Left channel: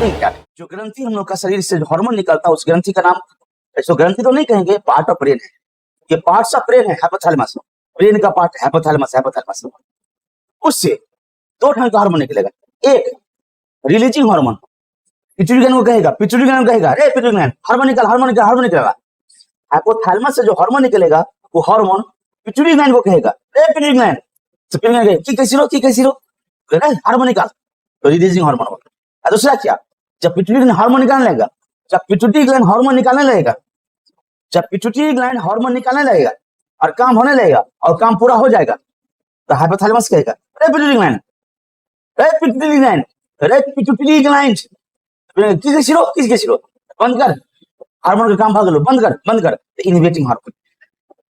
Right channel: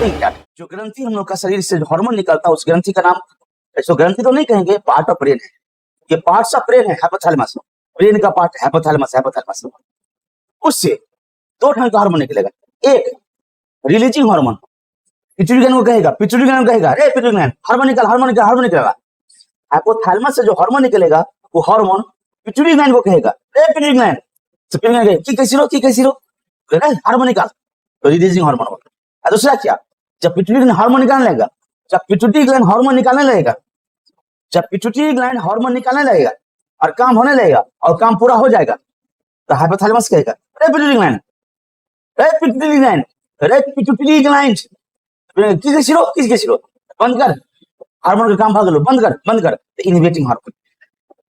ठीक है, जो ग्रंथि हम लोग का शरीर से जो हार्मोन निकलता है उस ग्रंथि का नाम, इसको ग्रंथि तो नहीं कहेंगे, पार्ट ऑफ ब्रेन है। ये पार्ट्स ऑफ ब्रेन है, हाइपोथैलेमस, ब्रेन का पार्ट हाइपोथैलेमस, हाइपोथैलेमस। उससे दो ढंग का हार्मोन निकलेगा, एक रिलीजिंग हार्मोन, पिट्यूटरी ग्लैंड को कहेगा, पिट्यूटरी ग्लैंड को कहेगा, रे पिट्यूटरी ग्लैंड हार्मोन निकल, हार्मोन निकल, हार्मोन निकलेगा। हाइपोथैलेमस से जो हार्मोन निकलेगा वो हार्मोन पिट्यूटरी ग्लैंड को कहेगा, रे पिट्यूटरी ग्लैंड, तो पिट्यूटरी ग्लैंड की कैसी रो हार्मोन निकल, रिलीजिंग हार्मोन। दूसरा क्या, जब पिट्यूटरी ग्लैंड हार्मोन निकालने लगेगा, जब पिट्यूटरी ग्लैंड हार्मोन निकालने लगेगा, जब पिट्यूटरी ग्लैंड हार्मोन निकालने लगेगा और काम होने लगेगा और काम पूरा हो जाएगा, तो हाइपोथैलेमस कहेगा, रे पिट्यूटरी ग्लैंड, रे पिट्यूटरी ग्लैंड, रे पिट्यूटरी ग्लैंड, किसके सिरो बंद कर, हार्मोन का काम भाग लो, बंद कर, बंद कर। Inhibiting hormone,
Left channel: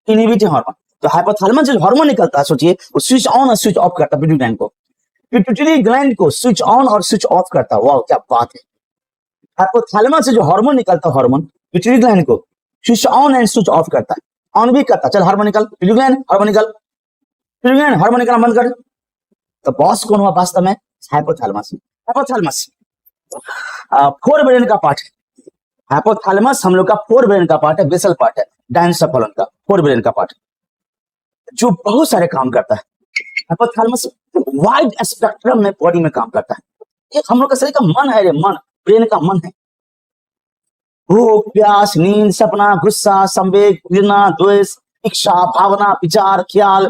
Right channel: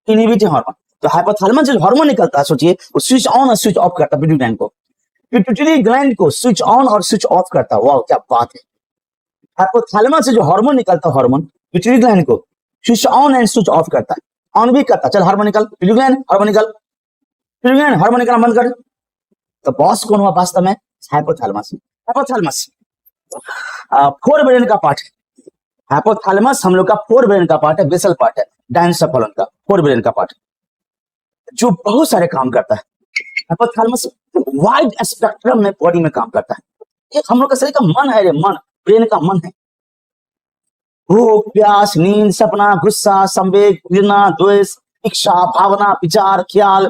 inhibiting hormone. तो हाइपोथैलेमस से हार्मोन निकलता है, सोचिए वो स्विच ऑन और स्विच ऑफ करता है पिट्यूटरी ग्लैंड को, पिट्यूटरी ग्लैंड को स्विच ऑन और स्विच ऑफ करता है। वाह क्या बात है। हाइपोथैलेमस से जो हार्मोन निकलता है, हार्मोन पिट्यूटरी ग्लैंड को switch on and switch off करता है, ऑन भी करता है, चल हार्मोन निकल, पिट्यूटरी ग्लैंड हार्मोन निकल, पिट्यूटरी ग्लैंड हार्मोन निकल, बंद कर। तो बॉस कौन हुआ वास्तव में, हाइपोथैलेमस। हाइपोथैलेमस फोर ब्रेन का पार्ट है, हाइपोथैलेमस हम लोग का फोर ब्रेन का पार्ट है, बेसल पार्ट है, डायनेस्टेफेलन का फोर ब्रेन का पार्ट, जो बहुत सारे काम करता है। हाइपोथैलेमस वाइड स्पेक्ट्रम में बॉडी में काम करता है। एक हम लोग का शरीर का मन है, मन ब्रेन का मन है, भूख प्यास नींद सपना गुस्सा संवेग घृणा द्वेष इच्छा भावना विचार ख्याल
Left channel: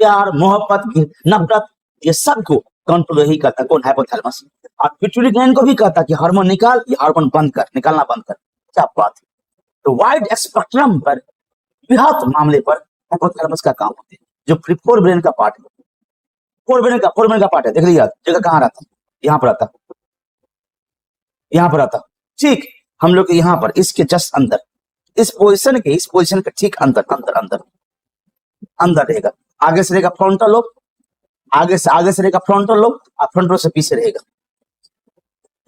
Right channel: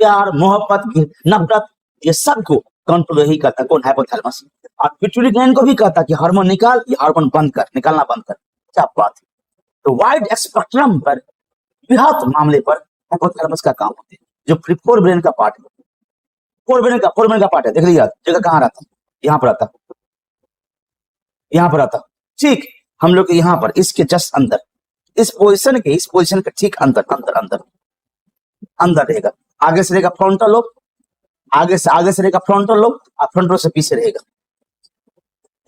प्यार मोहब्बत नफरत, ये सब को कंट्रोल ही करता है कौन, हाइपोथैलेमस। और पिट्यूटरी ग्लैंड को भी कहता है कि हार्मोन निकाल, ये हार्मोन बंद कर, निकालना बंद कर, क्या बात है। तो वाइड स्पेक्ट्रम पर बृहत मामले पर हाइपोथैलेमस का काम होता है, जो फोर ब्रेन का पार्ट है, फोर ब्रेन का पार्ट है। देख लीजिए जगह कहाँ रहता है, यहाँ पर आता है, यहाँ पर आता, ठीक हम लोग यहाँ पर इसके जस्ट अंदर, इस पोजीशन के ठीक अंदर अंदर अंदर अंदर रहेगा। आगे से रहेगा फ्रंटल लोब, आगे से रहेगा फ्रंटल लोब और फ्रंटल से पीछे रहेगा,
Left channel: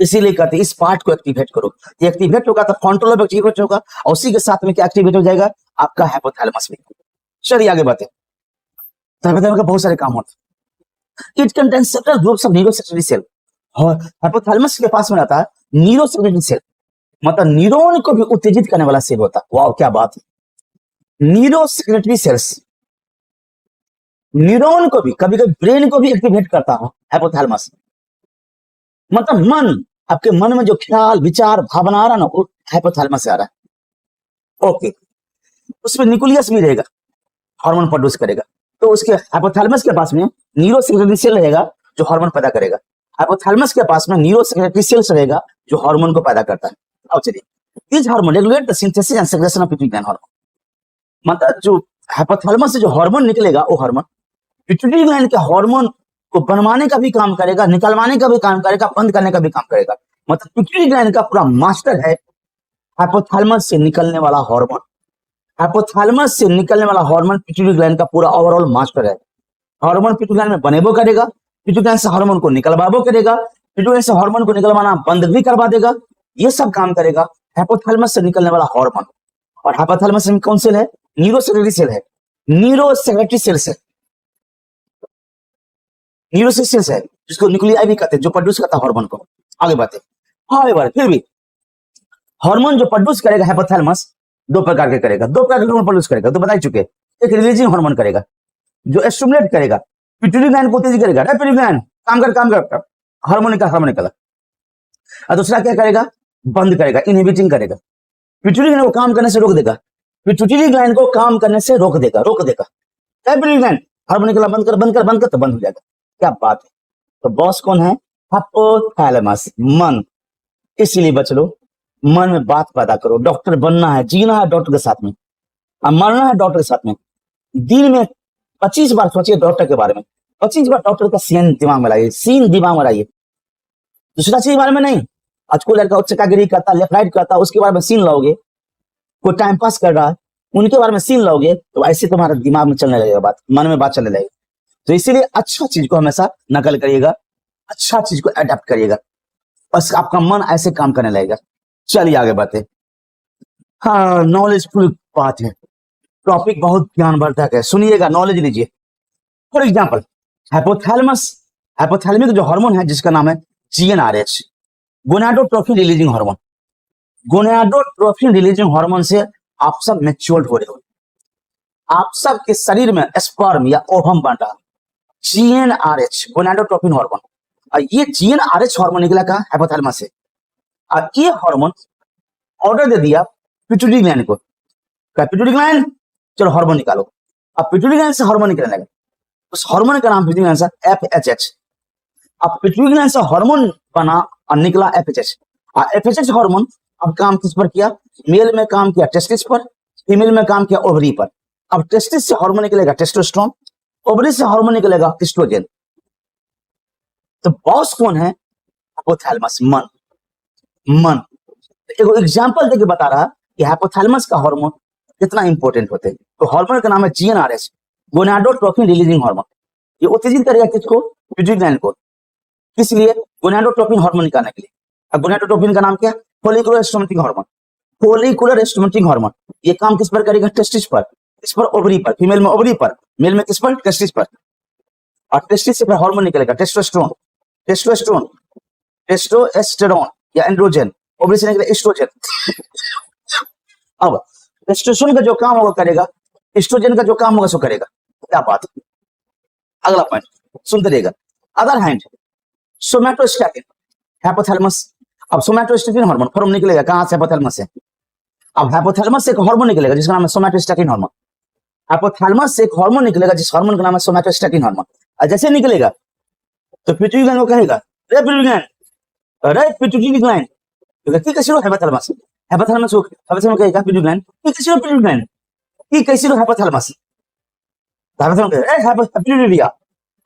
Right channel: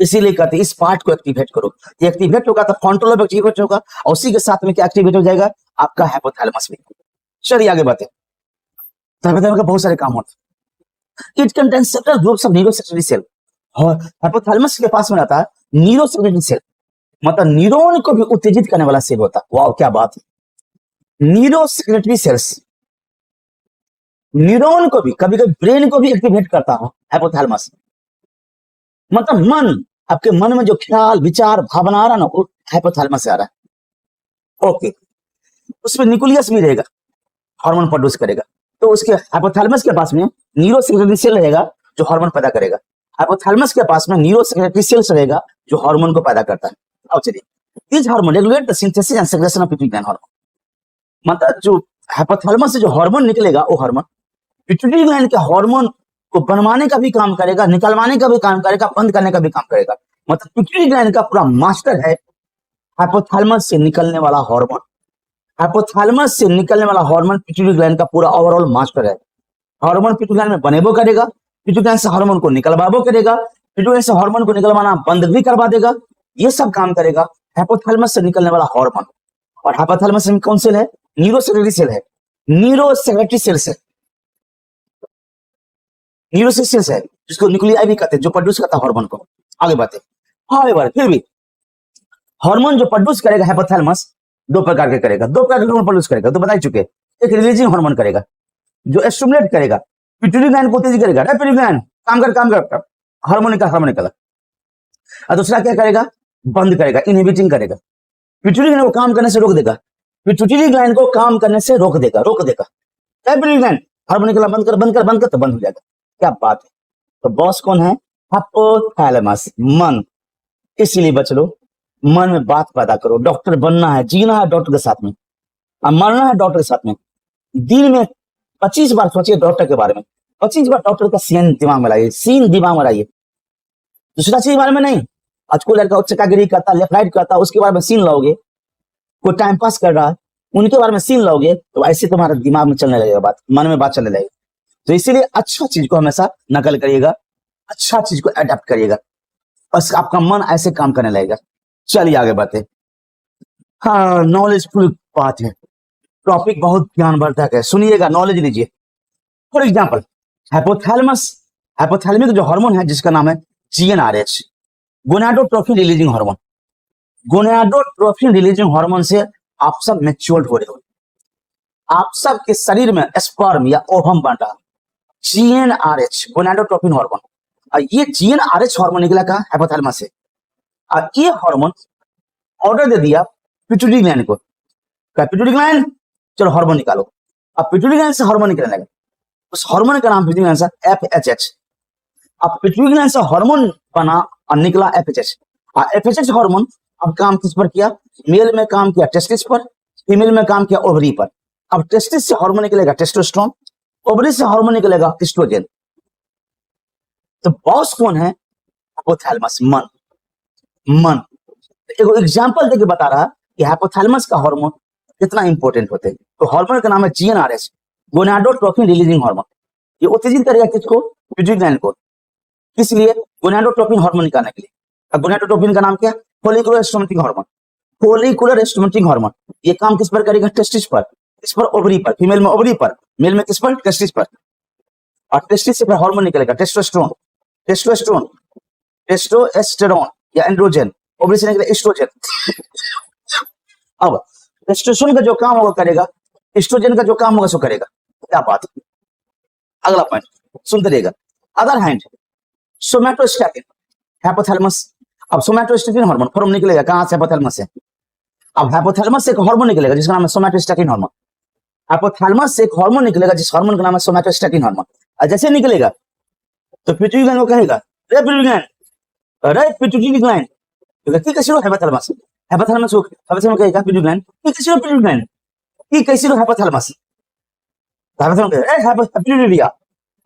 इसीलिए कहते हैं इस पार्ट को एक्टिवेट करो। ये एक्टिवेट होगा तो फ्रंटल लोब एक्टिवेट होगा और उसी के साथ में क्या एक्टिवेट हो जाएगा, आपका हाइपोथैलेमस में। चलिए आगे बढ़ते, हाइपोथैलेमस का बहुत सारे काम होते हैं। It contains several groups of neurosecretory cell, और हाइपोथैलेमस के पास में रहता है न्यूरोसेक्रेटरी सेल, मतलब न्यूरॉन को भी उत्तेजित करने वाला सेल होता है। वाह क्या बात है। न्यूरोसेक्रेटरी सेल्स न्यूरॉन को भी कभी कभी ब्रेन को भी एक्टिवेट करता है हाइपोथैलेमस, मतलब मन, आपके मन में जो ख्याल विचार भावना आ रहा ना वो हाइपोथैलेमस से आ रहा है। ओके, उसमें न्यूक्लियस भी रहेगा, हार्मोन प्रोड्यूस करेगा, तो उसके हाइपोथैलेमस के पास में न्यूरोसेक्रेटरी सेल रहेगा जो हार्मोन पैदा करेगा, हाइपोथैलेमस के पास में न्यूरोसेक्रेटरी सेल्स रहेगा जो हार्मोन को पैदा करता है। अब चलिए, इस hormone regulate the synthesis and secretion of pituitary gland hormone, मतलब जो हाइपोथैलेमस से जो हार्मोन निकलेगा वो हार्मोन पिट्यूटरी ग्लैंड के हार्मोन बनवाने का भी काम करेगा, निकलवाने का भी काम करेगा, बंद करने का भी काम करेगा। मतलब पिट्यूटरी ग्लैंड का पूरा मास्टर है हाइपोथैलेमस से निकलने वाला हार्मोन, हाइपोथैलेमस से निकलने वाला हार्मोन पिट्यूटरी ग्लैंड का पूरा ओवरऑल मास्टर है। हार्मोन पिट्यूटरी ग्लैंड में बनेबो करेगा, पिट्यूटरी ग्लैंड से हार्मोन को निकलवाबो करेगा, पिट्यूटरी से हार्मोन को निकलवाना बंद भी करवा देगा, ये सब काम करेगा हाइपोथैलेमस से निकलने वाला हार्मोन। और हाइपोथैलेमस में कौन सेल है, न्यूरोसेक्रेटरी सेल है, न्यूरोसेक्रेटरी सेल्स है, न्यूरोसेक्रेटरी है जिसको न्यूक्लियाई भी कहते हैं, जो प्रोड्यूस करता है हार्मोन को। आगे बढ़ते, हाउएवर फिर भी हार्मोन जो प्रोड्यूस करेगा हाइपोथैलेमस दो प्रकार के करेगा, दो प्रकार के हार्मोन प्रोड्यूस करेगा, तो बता ही चुके। एक रिलीजिंग हार्मोन करेगा जो स्टिमुलेट करेगा पिट्यूटरी ग्लैंड को तेज करेगा, पिट्यूटरी ग्लैंड काम कर हार्मोन निकला। और दूसरा क्या करेगा, बंद करेगा, इनहिबिटिंग करेगा, पिट्यूटरी ग्लैंड को काम करने से रोक देगा, पिट्यूटरी ग्लैंड को काम करने से रोक देगा। पिट्यूटरी ग्लैंड हार्मोन निकला, बंद कर तो बंद हो जाएगा, क्या बात है। तो बॉस कौन है, हाइपोथैलेमस, मन। इसलिए बच लो, मन में बात पैदा करो, डॉक्टर बनना है, जीना है डॉक्टर के साथ में, अब मरना है डॉक्टर के साथ में। दिन में 25 बार सोचिए डॉक्टर के बारे में, 25 बार डॉक्टर का सीन दिमाग में लाइए, सीन दिमाग में लाइए, दूसरा चीज बारे में नहीं। आज कोई लड़का चकागिरी करता, लेफ्ट राइट करता, उसके बारे में सीन लाओगे, कोई टाइम पास कर रहा है उनके बारे में सीन लाओगे, तो ऐसे तुम्हारा दिमाग में चलने लगेगा, बात मन में बात चलने लगेगी। तो इसीलिए अच्छा चीज को हमेशा नकल करिएगा, अच्छा चीज को अडेप्ट करिएगा, बस आपका मन ऐसे काम करने लगेगा। चलिए आगे बढ़ते। हाँ, नॉलेजफुल बात है, टॉपिक बहुत ज्ञानवर्धक है, सुनिएगा, नॉलेज लीजिए। फॉर एग्जाम्पल हाइपोथैलेमस जो हार्मोन है जिसका नाम है GnRH, gonadotrophin releasing hormone. Gonadotrophin releasing hormone से आप सब मैच्योर्ड हो रहे हो, आप सब के शरीर में स्पर्म या ओवम बन रहा है। GnRH, gonadotrophin hormone. और ये GnRH हार्मोन निकला कहाँ? हाइपोथैलेमस से। और ये हार्मोन ऑर्डर दे दिया पिट्यूटरी ग्लैंड को, पिट्यूटरी ग्लैंड चलो हार्मोन निकालो। अब पिट्यूटरी ग्लैंड से हार्मोन निकलने लगे, उस हार्मोन का नाम पिट्यूटरी ग्लैंड से FHH। अब पिट्यूटरी ग्लैंड से हार्मोन बना और निकला FHH। और FHH हार्मोन अब काम किस पर किया? मेल में काम किया टेस्टिस पर, फीमेल में काम किया ओवरी पर। अब टेस्टिस से हार्मोन निकलेगा टेस्टोस्टेरोन, ओवरी से हार्मोन निकलेगा एस्ट्रोजन। तो बॉस कौन है? हाइपोथैलेमस, मन। मन देखो एग्जांपल देके बता रहा कि हाइपोथैलेमस का हार्मोन कितना इंपॉर्टेंट होते हैं। तो हार्मोन का नाम है GnRH, गोनाडोट्रोफिन रिलीजिंग हार्मोन। ये उत्तेजित करेगा किसको? पिट्यूटरी ग्लैंड को। इसलिए गोनाडोट्रोफिन हार्मोन निकालने के लिए। अब गोनाडोट्रोफिन का नाम क्या? Follicular stimulating hormone. Follicular stimulating hormone ये काम किस पर करेगा? टेस्टिस पर, इस पर ओवरी पर, फीमेल में ओवरी पर, मेल में किस पर? टेस्टिस पर। और टेस्टिस से फिर हार्मोन निकलेगा टेस्टोस्टेरोन, टेस्टोस्टेरोन, टेस्टोस्टेरोन या एंड्रोजन, ओवरी से निकलेगा एस्ट्रोजन। अब टेस्टोस्टेरोन का जो काम होगा करेगा, एस्ट्रोजन का जो काम होगा सो करेगा। क्या बात है? अगला पॉइंट सुनते रहिएगा। Other hand somatostatin, hypothalamus. अब सोमैटोस्टैटिन हार्मोन फॉर्म निकलेगा कहां से? हाइपोथैलेमस से। अब हाइपोथैलेमस से एक हार्मोन निकलेगा जिसका नाम है सोमैटोस्टैटिन हार्मोन। हाइपोथैलेमस से एक हार्मोन निकलेगा जिस हार्मोन का नाम है सोमैटोस्टैटिन हार्मोन। और जैसे निकलेगा तो पिट्यूटरी ग्लैंड को कहेगा रे पिट्यूटरी ग्लैंड, अरे पिट्यूटरी ग्लैंड की कैसे हो हाइपोथैलेमस, हाइपोथैलेमस हो हाइपोथैलेमस कहेगा पिट्यूटरी ग्लैंड की कैसे हो पिट्यूटरी ग्लैंड की कैसे हो हाइपोथैलेमस, हाइपोथैलेमस कहेगा ए पिट्यूटरी,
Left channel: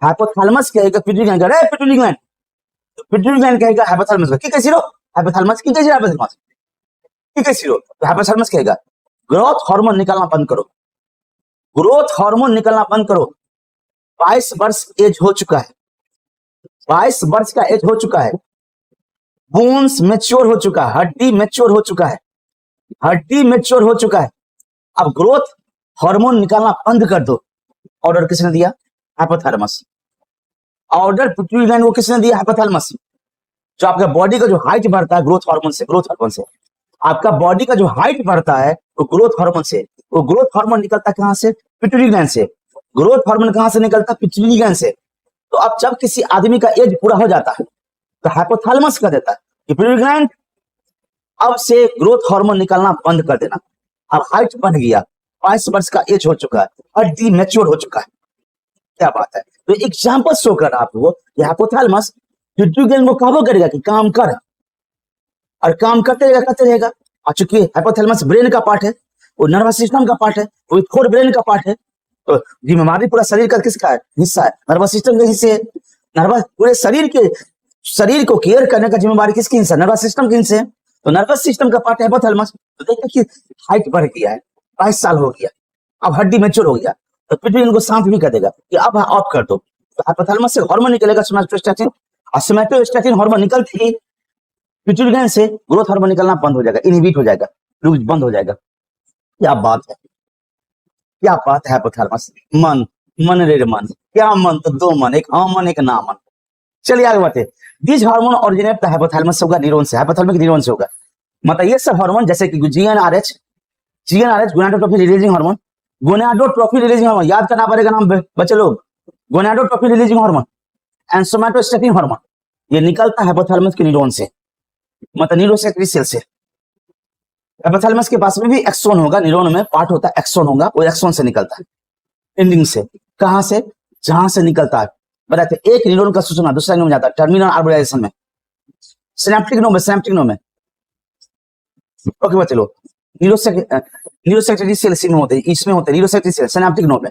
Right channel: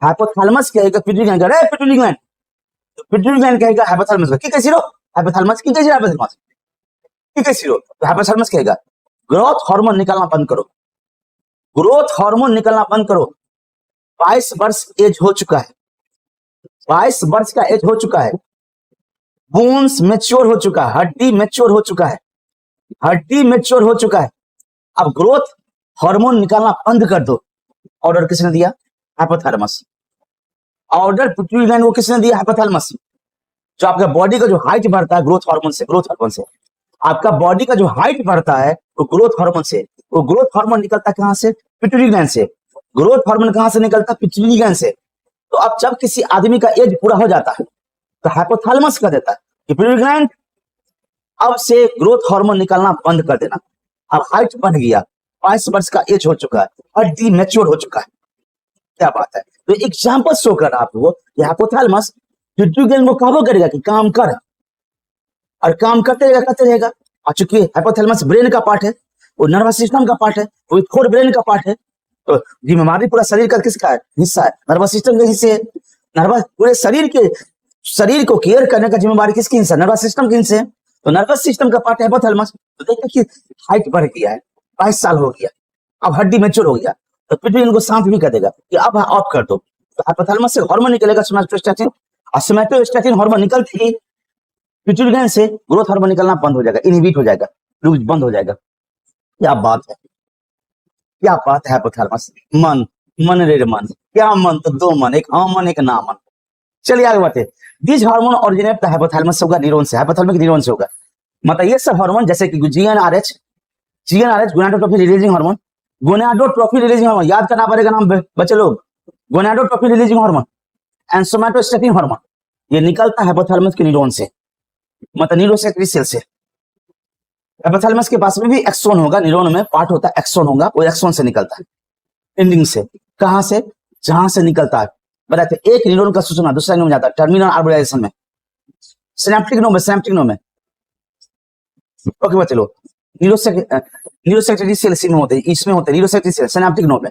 हाइपोथैलेमस कहेगा पिट्यूटरी ग्लैंड, अरे पिट्यूटरी ग्लैंड, पिट्यूटरी ग्लैंड कहेगा हाइपोथैलेमस को की कैसे हो हाइपोथैलेमस की कैसे हाइपोथैलेमस की कैसे हो। तो हाइपोथैलेमस कहेगा ग्रोथ हार्मोन निकालना बंद करो, ग्रोथ हार्मोन निकलना बंद करो। 22 वर्ष एज हो चुका है, 22 वर्ष का एज हो चुका है, बोन्स मैच्योर हो चुका है, हड्डी मैच्योर हो चुका है, हड्डी मैच्योर हो चुका है। अब ग्रोथ हार्मोन निकालना बंद कर दो। ऑर्डर किसने दिया? हाइपोथैलेमस। ऑर्डर पिट्यूटरी ग्लैंड को किसने दिया? हाइपोथैलेमस। जो आपका बॉडी का जो हाइट बढ़ता है ग्रोथ हार्मोन से, ग्रोथ हार्मोन से आपका बॉडी का जो हाइट बढ़ता है वो ग्रोथ हार्मोन से। वो ग्रोथ हार्मोन निकलता है कहां से? पिट्यूटरी ग्लैंड से। ग्रोथ हार्मोन कहां से निकलता है? पिट्यूटरी ग्लैंड से। तो अब जब किसी आदमी का एज पूरा हो जाता है तो हाइपोथैलेमस कर देता है कि पिट्यूटरी ग्लैंड अब से ग्रोथ हार्मोन निकलना बंद कर देना। और हाइट बढ़ गया, 22 वर्ष का एज हो चुका है, हड्डी मैच्योर हो चुका है। क्या बात है? तो एग्जांपल शो करना आपको कि हाइपोथैलेमस पिट्यूटरी ग्लैंड को काबू करेगा कि काम कर, और काम करते रहेगा। और चूंकि हाइपोथैलेमस ब्रेन का पार्ट है, वो नर्वस सिस्टम का पार्ट है, वो फोर ब्रेन का पार्ट है, तो जिम्मेवारी पूरा शरीर का किसका है? हिस्सा है, नर्वस सिस्टम के हिस्से। नर्वस पूरे शरीर को केयर करने का जिम्मेवारी किसकी हिस्सा? नर्वस सिस्टम के हिस्से। तो नर्वस सिस्टम का पार्ट है हाइपोथैलेमस। तो देखो कि हाइट बढ़ गया है, 22 साल हो गया, अब हड्डी मैच्योर हो गया, तो पिट्यूटरी को शांत भी कर देगा कि अब ऑफ कर दो। तो हाइपोथैलेमस से हार्मोन निकलेगा सोमैटोस्टैटिन, और सोमैटोस्टैटिन हार्मोन निकलते ही पिट्यूटरी ग्लैंड से ग्रोथ हार्मोन निकलना बंद हो जाएगा, इनहिबिट हो जाएगा, बंद हो जाएगा। क्या बात है, क्या बात है हाइपोथैलेमस। मन, मन रे मन, क्या मन? तो दो मन, एक हाँ मन एक ना मन। चलिए आगे बढ़ते। दिस हार्मोन ओरिजिनेट हाइपोथैलेमस से होगा, न्यूरॉन से, हाइपोथैलेमिक न्यूरॉन से होगा। मतलब ये सब हार्मोन जैसे कि GnRH, gonadotrophin releasing hormone, gonadotrophin releasing hormone याद करना पड़ेगा नाम बच्चे लोग, gonadotrophin releasing hormone and somatostatin hormone ये निकलता है हाइपोथैलेमस के न्यूरॉन से, मतलब न्यूरोसेक्रेटरी सेल से। हाइपोथैलेमस के पास में भी एक्सोन होगा, न्यूरॉन में पार्ट होता है एक्सोन होगा, वो एक्सोन से निकलता है, एंडिंग से। कहां से? जहां से निकलता है बताते, एक न्यूरॉन का सूचना दूसरा न्यूरॉन जाता है टर्मिनल आर्बोलाइजेशन में, सिनेप्टिक नोड में, सिनेप्टिक नोड में। ओके बच्चे लोग, न्यूरोसेक्रेटरी सेल इसी में होते हैं, इसमें होते हैं न्यूरोसेक्रेटरी सेल सिनेप्टिक नोड में।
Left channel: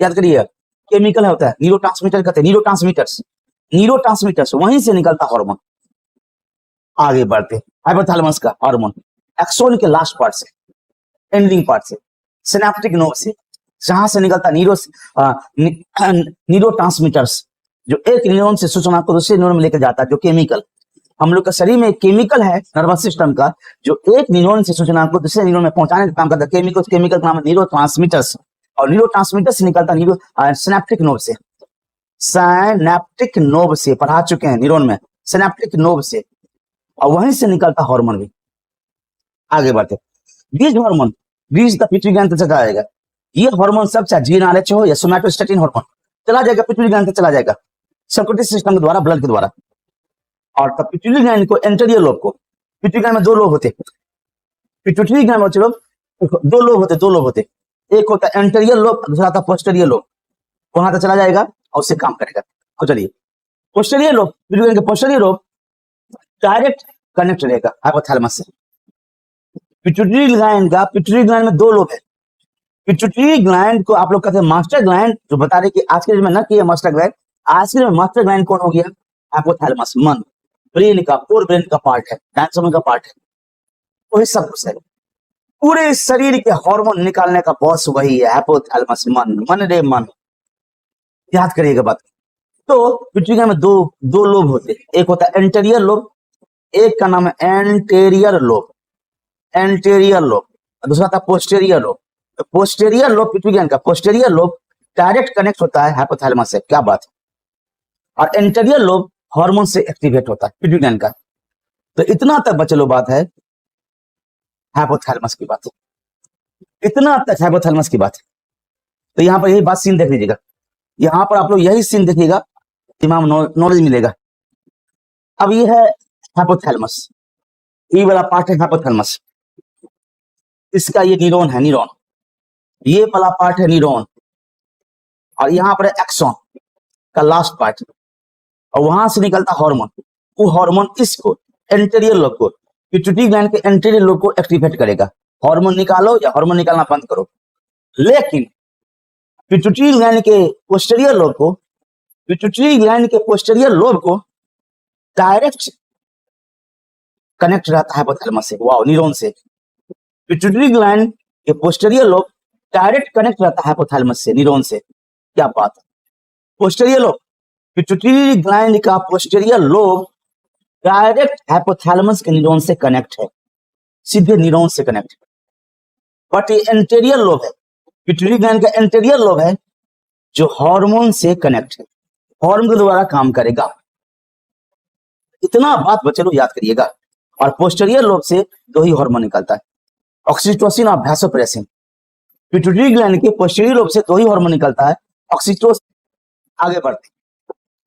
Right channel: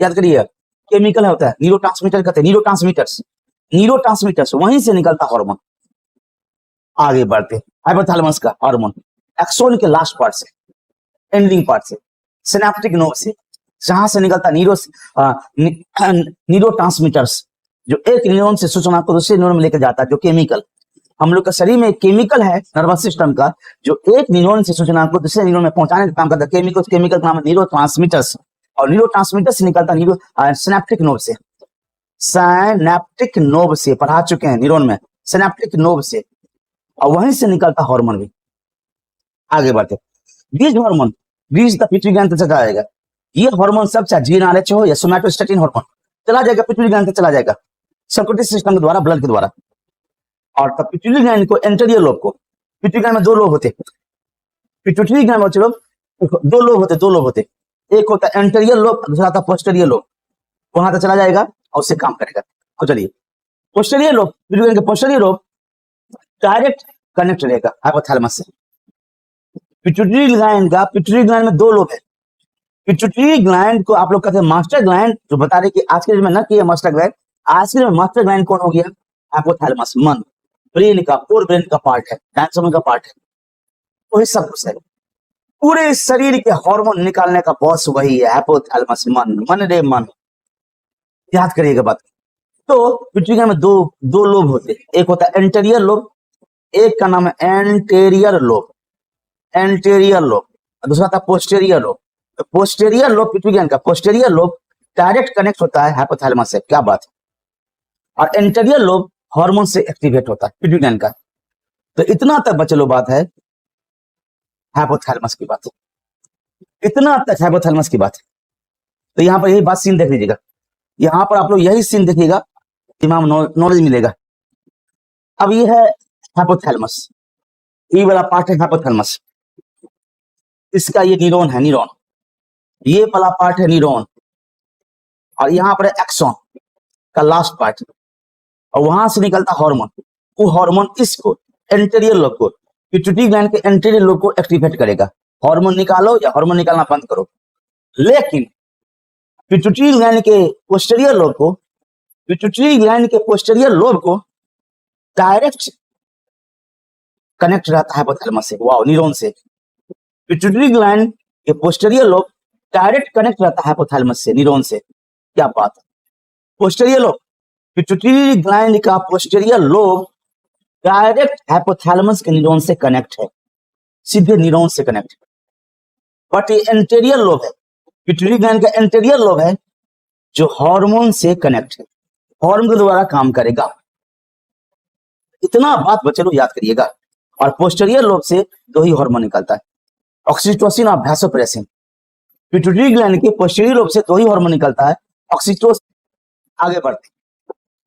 याद करिए केमिकल होता है, न्यूरोट्रांसमीटर कहते हैं, न्यूरोट्रांसमीटर्स वहीं से निकलता हार्मोन। आगे बढ़ते, हाइपोथैलेमस का हार्मोन एक्सोन के लास्ट पार्ट से, एंडिंग पार्ट से, सिनेप्टिक नोड से, जहां से निकलता न्यूरोट्रांसमीटर्स, जो एक न्यूरॉन से सूचना को दूसरे न्यूरॉन में लेकर जाता है। जो केमिकल हम लोग के शरीर में केमिकल है नर्वस सिस्टम का, जो एक न्यूरॉन से सूचना को दूसरे न्यूरॉन में पहुंचाने का काम करता है। केमिकल का नाम है न्यूरोट्रांसमीटर्स, और न्यूरोट्रांसमीटर्स निकलता न्यूरो सिनेप्टिक नोड से, साइनेप्टिक नोब से पढ़ा चुके हैं, न्यूरॉन में साइनेप्टिक नोब से, और वहीं से निकलता हार्मोन भी। आगे बढ़ते, बीज हार्मोन, बीज का पिट्यूटरी ग्लैंड तक जाएगा। ये हार्मोन सब चाहे जीएनआरएच हो या सोमैटोस्टेटिन हार्मोन चला जाएगा, पिट्यूटरी ग्लैंड चला जाएगा सर्कुलेटरी सिस्टम के द्वारा, ब्लड के द्वारा। और तब पिट्यूटरी ग्लैंड को एंटेरियर लोब को, पिट्यूटरी ग्लैंड में दो लोब होते, पिट्यूटरी ग्लैंड में चलो दो लोब होते, एक होता है एंटेरियर लोब, दूसरा था पोस्टेरियर लोब। वहां तक चला जाएगा और उससे काम करेगा। तो चलिए, पोस्टेरियर लोब, पिट्यूटरी ग्लैंड के पोस्टेरियर लोब डायरेक्ट कनेक्ट रहेगा हाइपोथैलेमस से। पिट्यूटरी ग्लैंड में दो लोब है। पिट्यूटरी ग्लैंड को आप लोग कहते हैं मास्टर ग्लैंड, जो बता रहे कि आज के में ना किया मास्टर ग्लैंड, आज के मास्टर ग्लैंड कौन हो गया? हाइपोथैलेमस, मन, ब्रेन का, फोर ब्रेन का पार्ट है, डायफ्राम का पार्ट है, वही सब कुछ है। पूरे शरीर के हार्मोन निकालने का बॉस वही है, हाइपोथैलेमस, मन रे मन, याद करिएगा बात। तो पिट्यूटरी ग्लैंड में दो लोब होते हैं, एक होता है एंटेरियर लोब, एक का नाम है एंटेरियर लोब, एंटेरियर लोब, दूसरा था posterior lobe. Posterior lobe, pituitary gland का पोस्टेरियर लोब डायरेक्ट कनेक्ट होता है हाइपोथैलेमस से, क्या बात है। और एंटेरियर लोब हार्मोन से एक्टिवेट होता है पिट्यूटरी ग्लैंड का। तो इतना तक बचलो बात है हाइपोथैलेमस की बात है, इतना तक हाइपोथैलेमस की बात है। तो यहाँ पर यही बात सीन देख लीजिएगा, यहाँ पर आप लोग यही सीन देखिएगा, दिमाग नॉलेज मिलेगा। अब ये है हाइपोथैलेमस, ये वाला पार्ट है हाइपोथैलेमस, इसका ये न्यूरॉन है, न्यूरॉन, ये वाला पार्ट है न्यूरॉन, और यहाँ पर एक्सॉन का लास्ट पार्ट, और वहां से निकलता हार्मोन। वो हार्मोन इसको एंटेरियर लोब को, पिट्यूटरी ग्लैंड के एंटेरियर लोब को एक्टिवेट करेगा। हार्मोन निकालो या हार्मोन निकालना बंद करो। लेकिन पिट्यूटरी ग्लैंड के पोस्टेरियर लोब को, पिट्यूटरी ग्लैंड के पोस्टेरियर लोब को डायरेक्ट कनेक्ट रहता है हाइपोथैलेमस से, वाओ, न्यूरॉन से। पिट्यूटरी ग्लैंड के पोस्टेरियर लोब डायरेक्ट कनेक्ट रहता है हाइपोथैलेमस से, न्यूरॉन से, क्या बात। पोस्टेरियर लोब, पिट्यूटरी ग्लैंड का पोस्टेरियर लोब डायरेक्ट हाइपोथैलेमस के न्यूरॉन से कनेक्ट है, सीधे न्यूरॉन से कनेक्ट है। बट ये एंटेरियर लोब है, पिट्यूटरी ग्लैंड का एंटेरियर लोब है जो हार्मोन से कनेक्ट है, हार्मोन के द्वारा काम करेगा। इतना बात बच्चे लोग याद करिएगा। और पोस्टेरियर लोब से दो ही हार्मोन निकलता है, ऑक्सीटोसिन और वैसोप्रेसिन। पिट्यूटरी ग्लैंड के पोस्टेरियर लोब से दो ही हार्मोन निकलता है, ऑक्सीटोसिन। आगे बढ़ते,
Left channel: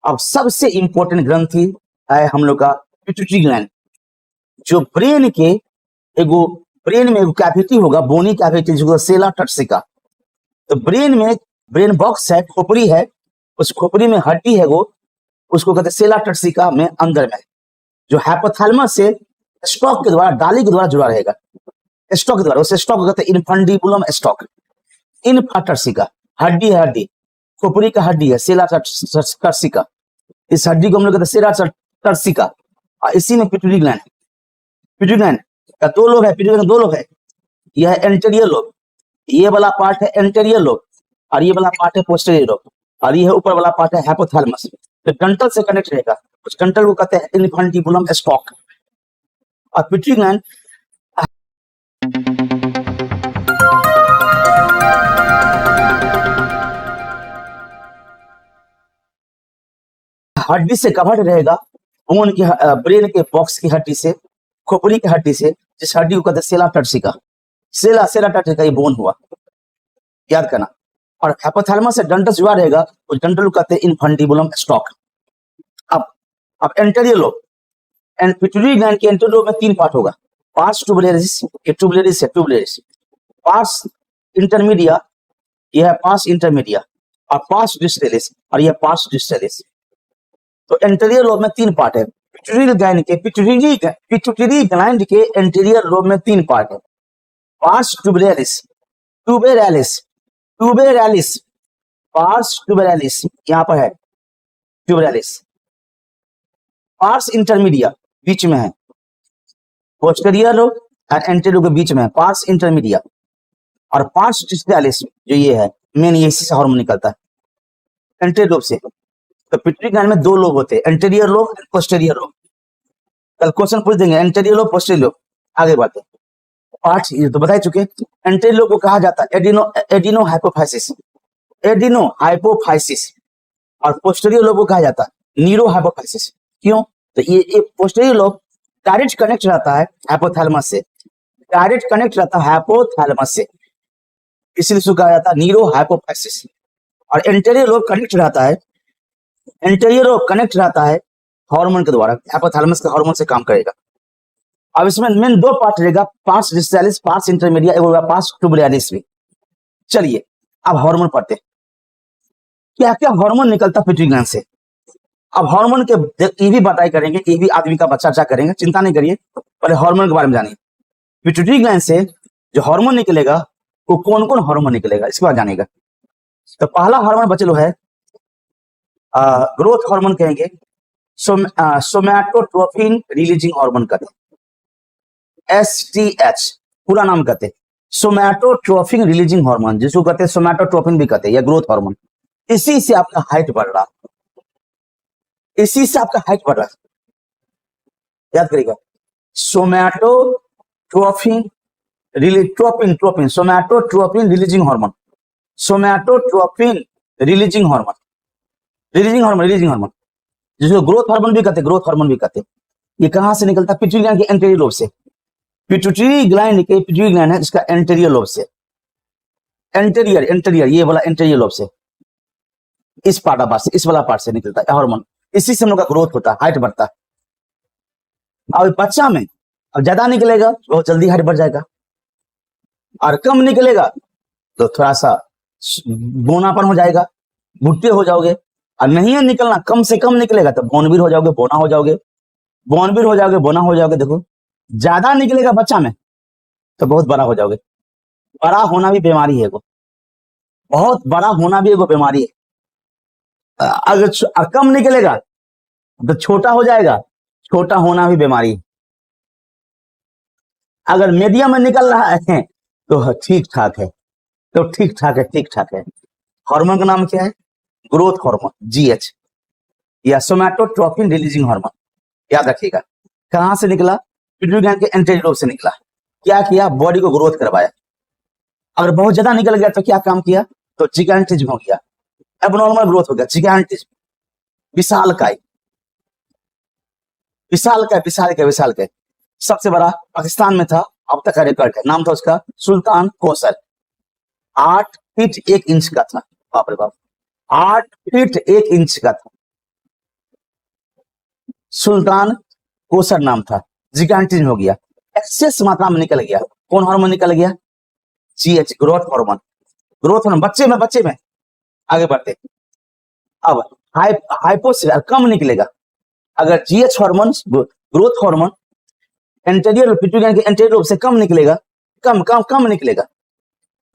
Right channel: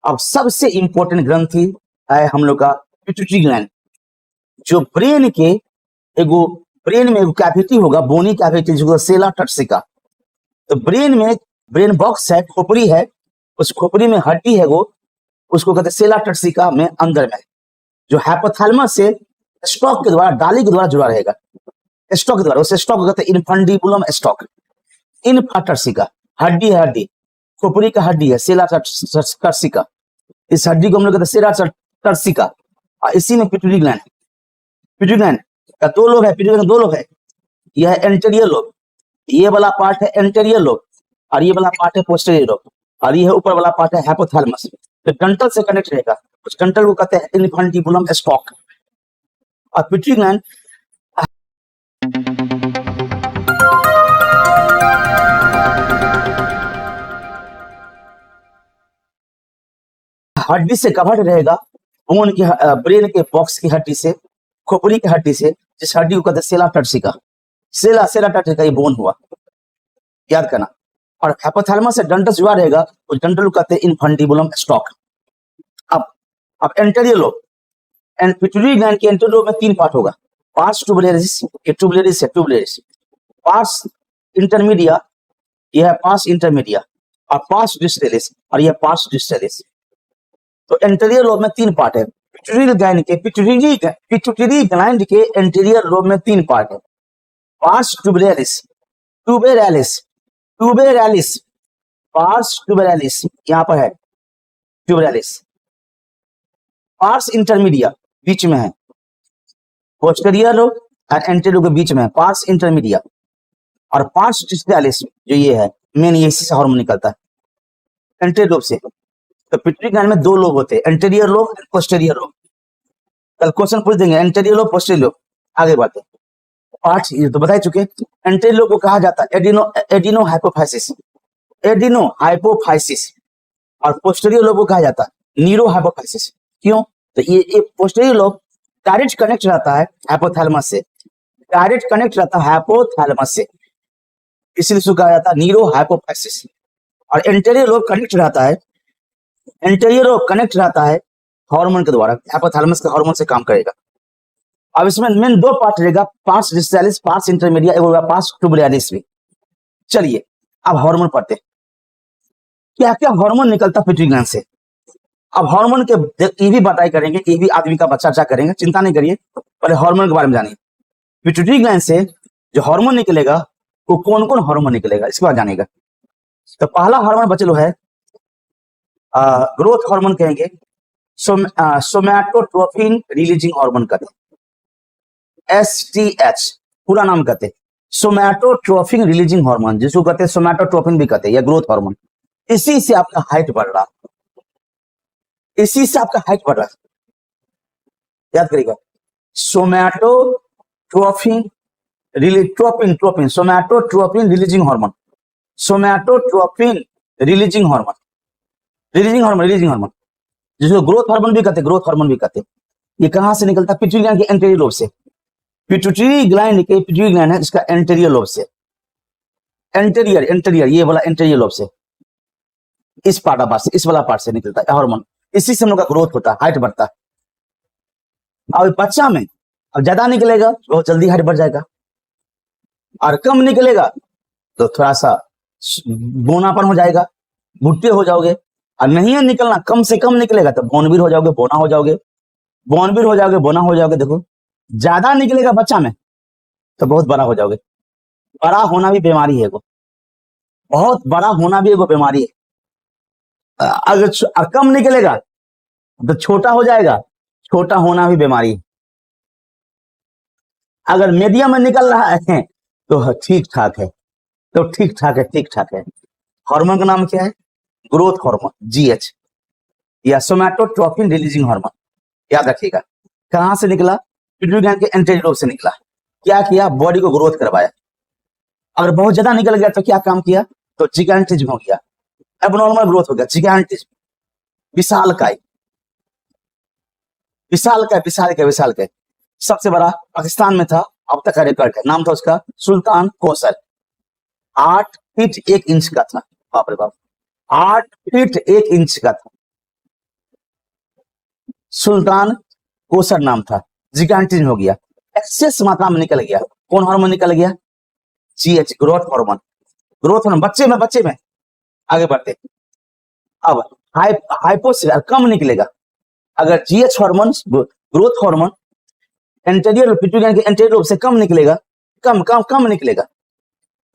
अब सबसे इंपॉर्टेंट ग्रंथि है हम लोग का पिट्यूटरी ग्लैंड, जो ब्रेन के एगो, ब्रेन में कैविटी होगा, बोनी कैविटी, जो सेला टर्सिका। तो ब्रेन में ब्रेन बॉक्स है, खोपड़ी है, उस खोपड़ी में हड्डी है, उसको कहते हैं सेला टर्सिका में अंदर में, जो हाइपोथैलेमस से स्टॉक के द्वारा, डाली के द्वारा जुड़ा रहेगा, स्टॉक के द्वारा। उसे स्टॉक कहते हैं इनफंडिबुलम स्टॉक, इनफाटर्सिका, हड्डी है, हड्डी खोपड़ी का हड्डी है, सेला टर्सिका। इस हड्डी को हम लोग कहते हैं सेला टर्सिका, और इसी में पिट्यूटरी ग्लैंड है। पिट्यूटरी ग्लैंड का दो लोब है, पिट्यूटरी ग्लैंड दो लोब है, यह है एंटेरियर लोब, ये वाला पार्ट है एंटेरियर लोब, और ये वाला पार्ट है पोस्टेरियर लोब, और ये ऊपर वाला पार्ट है हाइपोथैलेमस। तो डंटल से कनेक्ट रहेगा, उस डंटल को कहते हैं इनफंडिबुलम स्टॉक। और पिट्यूटरी ग्लैंड हड्डी से कवर्ड रहेगा, उनकी ब्रेन के बॉक्स की हड्डी से, खोपड़ी की हड्डी से, जिस हड्डी को कहते हैं सेला टर्सिका। सेला टर्सिका ये बोन हुआ, याद करना। और हाइपोथैलेमस से डंटल जुड़ा रहेगा, उस डंटल को कहते हैं इनफंडिबुलम स्टॉक। अब एंटेरियर लोब, पिट्यूटरी ग्लैंड के एंटेरियर लोब में तीन पार्ट होगा, पार्स ट्यूबुलरिस, ये ट्यूबुलरिस है, ट्यूबुलरिस, पार्स इंटरमीडिया, यह है पार्स इंटरमीडिया, और पार्स डिस्टलिस, और यह पार्स डिस्टलिस। तो एंटेरियर लोब में तीन पार्ट है, पिट्यूटरी ग्लैंड के एंटेरियर लोब में तीन पार्ट है, पार्स ट्यूबुलरिस, ट्यूबेरालिस, पार्स ट्यूबेरालिस, यहाँ पर है ट्यूबेरालिस, पार्स इंटरमीडिया बीच में है, पोस्टेरियर लोब और एंटेरियर लोब के बीच में है पार्स इंटरमीडिया, और पार्स डिस्टलिस जो ये है मेन, ये इसी से हार्मोन निकलता है एंटेरियर लोब से। तो पिट्यूटरी ग्लैंड में दो लोब होते हैं, एंटेरियर लोब और पोस्टेरियर लोब। कल क्वेश्चन पूछ देंगे एंटेरियर लोब, पोस्टेरियर लोब। आगे बढ़ते, पार्ट ये तो बता चुके। एंटेरियर लोब को कहा जाता है एडिनो हाइपोफाइसिस, एडिनो हाइपोफाइसिस, और पोस्टीरियर लोब को कहा जाता है न्यूरो हाइपोफाइसिस। क्यों? तो ये पोस्टीरियर लोब डायरेक्ट कनेक्ट रहता है हाइपोथैलेमस से, डायरेक्ट कनेक्ट रहता है हाइपोथैलेमस से, इसलिए इसको कहा जाता है न्यूरो हाइपोफाइसिस। और एंटीरियर लोब कनेक्ट रहता है, एंटीरियर लोब कनेक्ट रहता है हार्मोन के द्वारा, हाइपोथैलेमस के हार्मोन से काम करेगा। अब इसमें मेन दो पार्ट रहेगा, पार्ट्स डिस्टालिस, पार्ट्स इंटरमीडिया, एक होगा पार्ट्स ट्यूबुलारिस भी। चलिए अब हार्मोन पढ़ते हैं। क्या क्या हार्मोन निकलता पिट्यूटरी ग्लैंड से। अब हार्मोन के ये भी बताई करेंगे, ये भी आदमी का चर्चा करेंगे, चिंता नहीं करिए, पहले हार्मोन के बारे में जानिए। पिट्यूटरी ग्लैंड से जो हार्मोन निकलेगा वो कौन कौन हार्मोन निकलेगा इसके बारे में जानिएगा। तो पहला हार्मोन बचे लो है ग्रोथ हार्मोन कहेंगे, सोमैटोट्रोपिन रिलीजिंग हार्मोन कहते हैं, एसटीएच पूरा नाम कहते हैं, सोमैटोट्रोपिन रिलीजिंग हार्मोन, जिसको कहते हैं सोमैटोट्रोपिन भी कहते हैं, या ग्रोथ हार्मोन। इसी से आपका हाइट बढ़ रहा, इसी से आपका हाइट बढ़ रहा, याद करिएगा। Somatotropin tropin tropin somatotropin releasing hormone, somatotropin releasing hormone, releasing hormone, releasing hormone, जिसको ग्रोथ हार्मोन भी कहते हैं, ग्रोथ हार्मोन भी कहते हैं। ये कहां से निकलता है? पिट्यूटरी ग्लैंड के एंटीरियर लोब से। पिट्यूटरी ग्लैंड के पिट्यूटरी ग्लैंड है इसका एंटीरियर लोब से, एंटीरियर एंटीरियर ये वाला एंटीरियर लोब से, इस पार्ट से, इस वाला पार्ट से निकलता है हार्मोन। इसी से उनका ग्रोथ होता है, हाइट बढ़ता है। और बच्चा में और ज्यादा निकलेगा बहुत जल्दी हाइट बढ़ जाएगा, और कम निकलेगा तो थोड़ा सा बोनापन हो जाएगा, बुढ़ते हो जाओगे। और नहीं है निकलना, कम से कम निकलेगा तो बोनबीर हो जाओगे, बोना हो जाओगे, बोनबीर हो जाओगे, बोना हो जाओगे। देखो ज्यादा निकलेगा बच्चा में तो बहुत बड़ा हो जाओगे। बड़ा होना भी बीमारी है, वो बहुत बड़ा होना भी एगो बीमारी है। अगर कम निकलेगा तो छोटा हो जाएगा, छोटा होना भी बीमारी है। अगर मीडियम में निकल रहा है तो ठीक ठाक है, तो ठीक ठाक है, ठीक ठाक है। हार्मोन का नाम क्या है? ग्रोथ हार्मोन, जीएच, या सोमैटोट्रोपिन रिलीजिंग हार्मोन। याद रखिएगा। कहां से निकला? पिट्यूटरी ग्लैंड के एंटीरियर लोब से निकला। क्या किया? बॉडी को ग्रोथ करवाया। अगर बहुत ज्यादा निकल गया तो क्या काम किया? तो जिगैंटिज्म हो गया, एबनॉर्मल ग्रोथ हो गया, जिगैंटिज्म, विशालकाय, विशालकाय, विशालकाय, विशालकाय। सबसे बड़ा पाकिस्तान में था, अब तक का रिकॉर्ड है, नाम था उसका सुल्तान कोसर, 8 फीट 1 इंच का था। बाप रे बाप, 8 फीट 1 इंच का था, सुल्तान कोसर नाम था। जिगैंटिज्म हो गया, एक्सेस मात्रा में निकल गया। कौन हार्मोन निकल गया? GH, growth hormone, growth hormone. बच्चे में आगे बढ़ते। अब हाइपोक्सिया कम निकलेगा। अगर GH hormone, growth hormone anterior pituitary gland के एंटीरियर लोब से कम निकलेगा, कम निकलेगा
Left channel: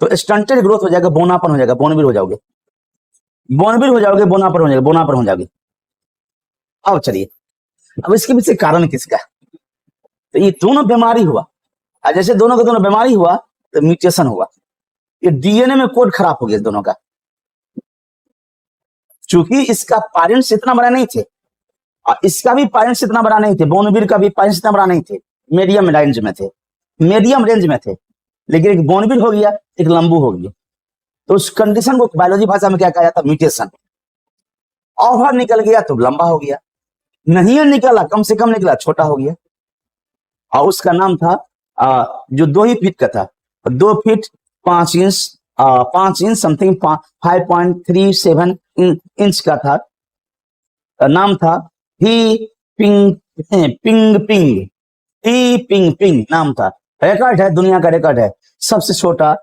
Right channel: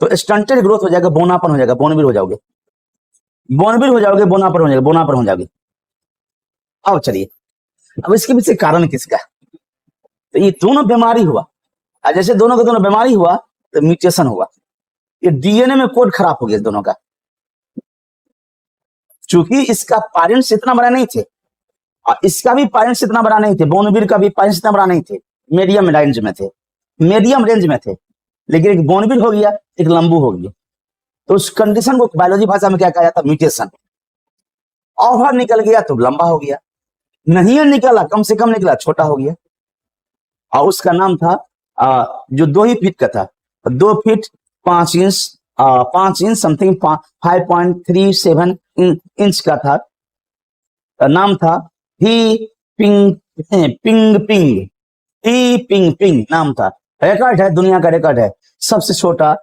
तो स्टंटेड ग्रोथ हो जाएगा, बोनापन हो जाएगा, बोनबीर हो जाओगे, बोनबीर हो जाओगे, बोनापन हो जाएगा, बोनापन हो जाओगे। अब चलिए, अब इसके पीछे कारण किसका? तो ये दोनों बीमारी हुआ, और जैसे दोनों का दोनों बीमारी हुआ तो म्यूटेशन हुआ, ये डीएनए में कोड खराब हो गया दोनों का। चूंकि इसका पेरेंट्स इतना बड़ा नहीं थे और इसका भी पेरेंट्स इतना बड़ा नहीं थे, बोनबीर का भी पेरेंट्स इतना बड़ा नहीं थे, मीडियम रेंज में थे, मीडियम रेंज में थे। लेकिन एक बोनबीर हो गया, एक लंबू हो गया, तो उस कंडीशन को बायोलॉजी भाषा में क्या कहा जाता है? म्यूटेशन। ओवर निकल गया तो लंबा हो गया, नहीं निकला, कम से कम निकला, छोटा हो गया। और उसका नाम था जो 2 ही फीट का था, 2 feet 5 inch, 5 inch something, 5.37 inch का था। नाम था ही पिंग पिंग पिंग, ही पिंग पिंग नाम था। रिकॉर्ड है, दुनिया का रिकॉर्ड है, सबसे छोटा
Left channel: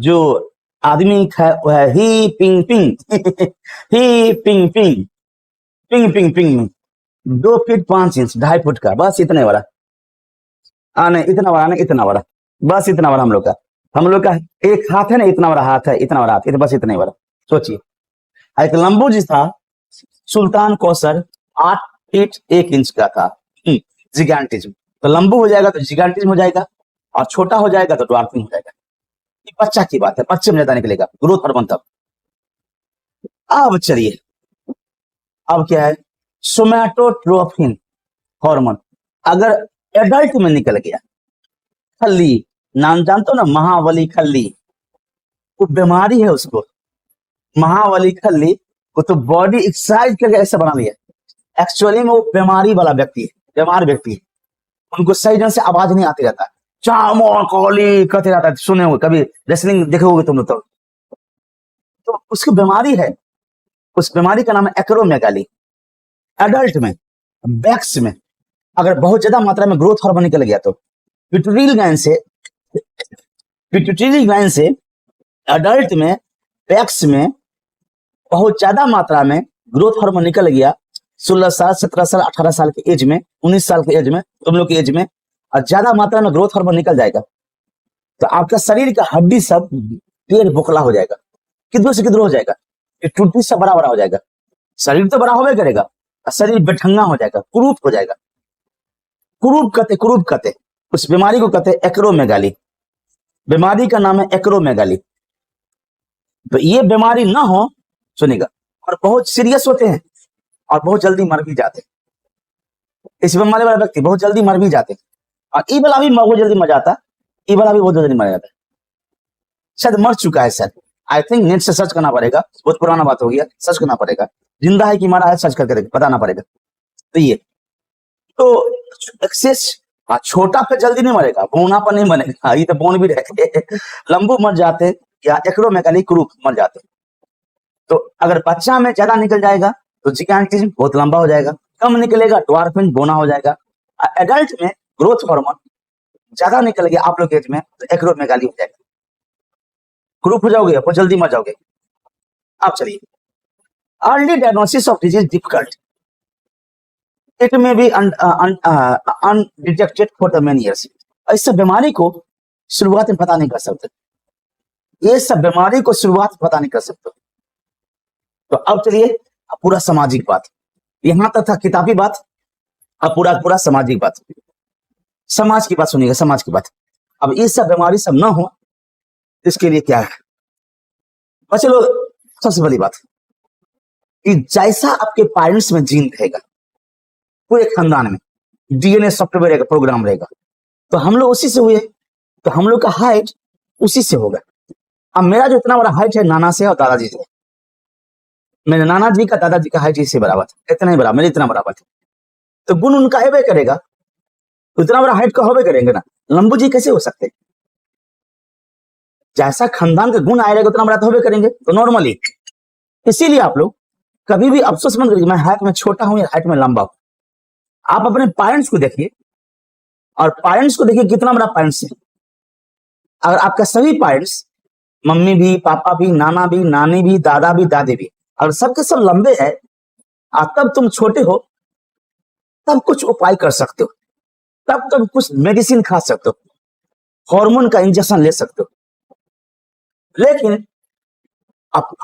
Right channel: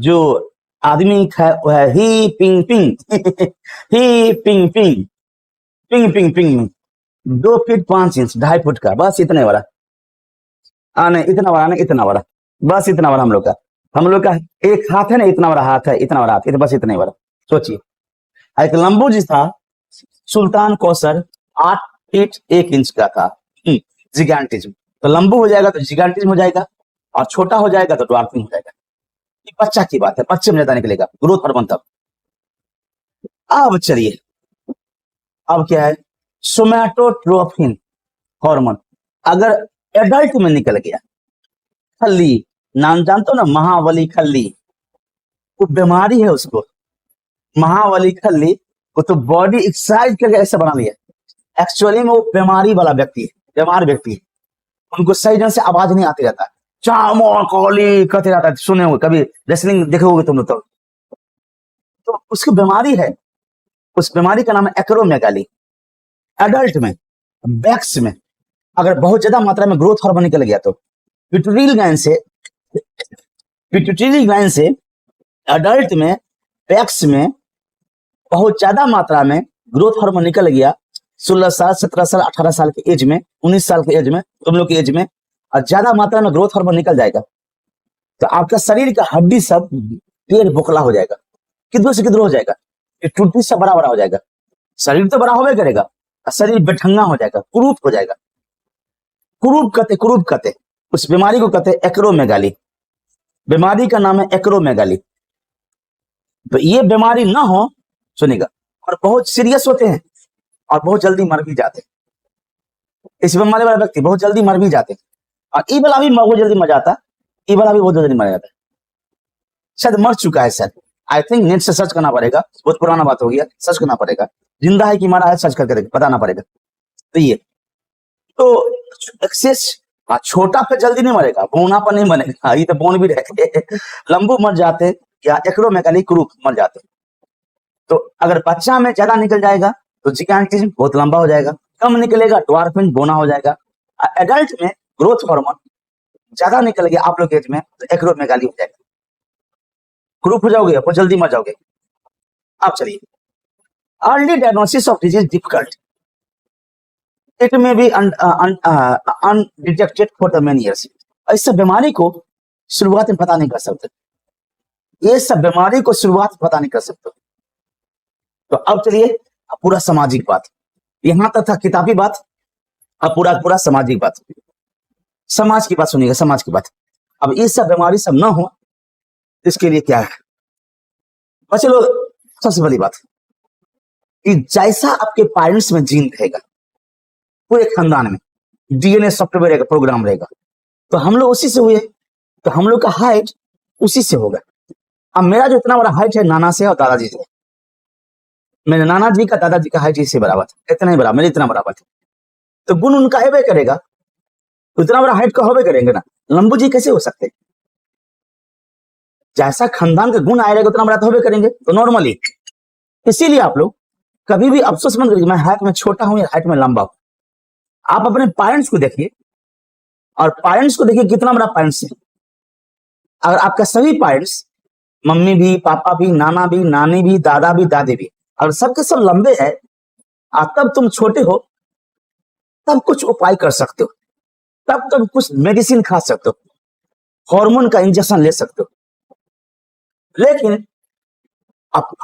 जो आदमी है वो है ही पिंग पिंग ही पिंग पिंग, पिंग पिंग पिंग। 2 फीट 5 इंच, 2.5 फुट का, बस इतने बड़ा। नहीं इतना बड़ा नहीं, इतना बड़ा, बस इतना बड़ा। हम लोग का एक हाथ है ना, इतना बड़ा हाथ है, इतना बड़ा हाथ, बस इतना ही बड़ा। सोचिए, एक लंबू जी था सुल्तान कोसर, 8 फीट 1 इंच का था। जिगैंटिज्म, तो लंबू हो जाएगा तो जिगैंटिज्म हो जाएगा, और छोटा हो जाएगा तो ड्वार्फिंग हो जाएगा। ये बच्चा की बात है, बच्चे में ज्यादा निकलेगा, ग्रोथ हार्मोन तब। अब चलिए, अब क्या है? सोमैटोट्रोपिन हार्मोन अगर एडल्ट में निकल गया, खल्ली, नाम जानते हो ना, महावली खल्ली, वो बीमारी है उसको, महावली खल्ली वो तो बॉडी एक्सरसाइज करके ऐसा बना लिया, एक्चुअली में वो बीमारी वाला व्यक्ति है, बीमार व्यक्ति है। उनको सही ढंग से आवाज नहीं आती रहता, चामो कोली कहते रहता है, सुने हो कभी रेसलिंग देखे होगे तुम लोग तो उसकी बीमारी है, उस बीमारी का नाम है एक्रोमेगाली। एडल्ट में, बैक्स में अगर बहुत ज्यादा मात्रा में ग्रोथ हार्मोन निकल गया तो पिट्यूटरी ग्लैंड से एडल्ट में, बैक्स में बहुत ज्यादा मात्रा में ग्रोथ हार्मोन निकल गया, 16 साल, 17 साल, 18 साल के एज में, 19 साल के एज में, तुम लोग के एज में, और ज्यादा मात्रा में ग्रोथ हार्मोन निकल जाएगा तो आपका शरीर का हड्डी सब ढेर बोखला हो जाएगा, किधर से किधर हो जाएगा, टूटी सब बड़ा बड़ा हो जाएगा, शरीर तो बड़ा होगा करेगा, शरीर बेढंगा हो जाएगा, कुरूप हो जाएगा। कुरूप कहते उस बीमारी को कहते एक्रोमेगाली। बीमारी का नाम है एक्रोमेगाली। तो ये बीमारी ना हो, सुनेगा, और बहुत सीरियस होते हैं और बहुत जल्दी मर भी जाते हैं। इस बीमारी वाले व्यक्ति बहुत जल्दी मर भी जाते हैं, और ई वाला भी बहुत जल्दी मर जाता, ई वाला भी बहुत जल्दी मर जाता। शायद मर चुका है सर, आई थिंक नेट से सर्च करना पड़ेगा, बहुत पुराना बात हो गया, सर्च करना पड़ेगा, जिंदा है कि मरा है सर्च करके बताना पड़ेगा। तो ये तो एक्सेस छोटा पे जल्दी नहीं मरेगा, बोना पर नहीं मरेगा, ये तो बोन भी रहते, लंबू मर जाते या एक्रोमेगाली क्रूप मर जाते। तो अगर बच्चा में ज्यादा निकल जाएगा तो जिगांटिज्म बहुत लंबा हो जाएगा, कम निकलेगा ड्वार्फिज्म बोना हो जाएगा। एडल्ट में ग्रोथ हार्मोन ज्यादा निकल गया आप लोग एज में तो एक्रोमेगाली हो जाएगा, क्रूप हो जाओगे, बहुत जल्दी मर जाओगे। अब चलिए, early diagnosis of disease difficult, it में भी undetected for the many years. इस बीमारी को शुरुआत में पता नहीं कर सकते, ये सब बीमारी को शुरुआत पता नहीं कर सकते। तो अब चलिए पूरा सामाजिक बात, यहां तक था किताबी बात, अब पूरा सामाजिक बात, समाज की बात सुनिएगा, समाज की बात। अब ये सब बीमारी सब ना हो इसके लिए क्या है, चलो सबसे बड़ी बात कि जैसा आपके पेरेंट्स में जीन रहेगा, पूरे खानदान में डीएनए सॉफ्टवेयर रहेगा, प्रोग्राम रहेगा, तो हम लोग उसी से हुए, तो हम लोग का हाइट उसी से होगा। अब मेरा जो इतना बड़ा हाइट है नाना से और दादाजी से, मेरे नाना जी का दादाजी का हाइट इससे बराबर था, इतना ही बराबर, मेरे इतना बराबर था, तो गुण उनका है करेगा, उतना बड़ा हाइट का होवे करेंगे ना, लंबू जी कैसे हो सकते, जैसा खानदान का गुण आएगा उतना बड़ा तो होवे करेंगे, तो नॉर्मली। इसीलिए आप लोग कभी भी अफसोस मत करिए मैं हाइट में छोटा हूं या हाइट में लंबा हूं, आप अपने पेरेंट्स को देखिए और पेरेंट्स को देखिए कितना बड़ा पेरेंट्स है। और आपका सभी पेरेंट्स, मम्मी भी, पापा भी, नाना भी, नानी भी, दादा भी, दादी भी, और सबके सब लंबे हैं, और तब तुम छोटे हो, तब कुछ उपाय कर सकते हो, तब तुम कुछ मेडिसिन खा सकते हो, हार्मोन का इंजेक्शन ले सकते हो। लेकिन अब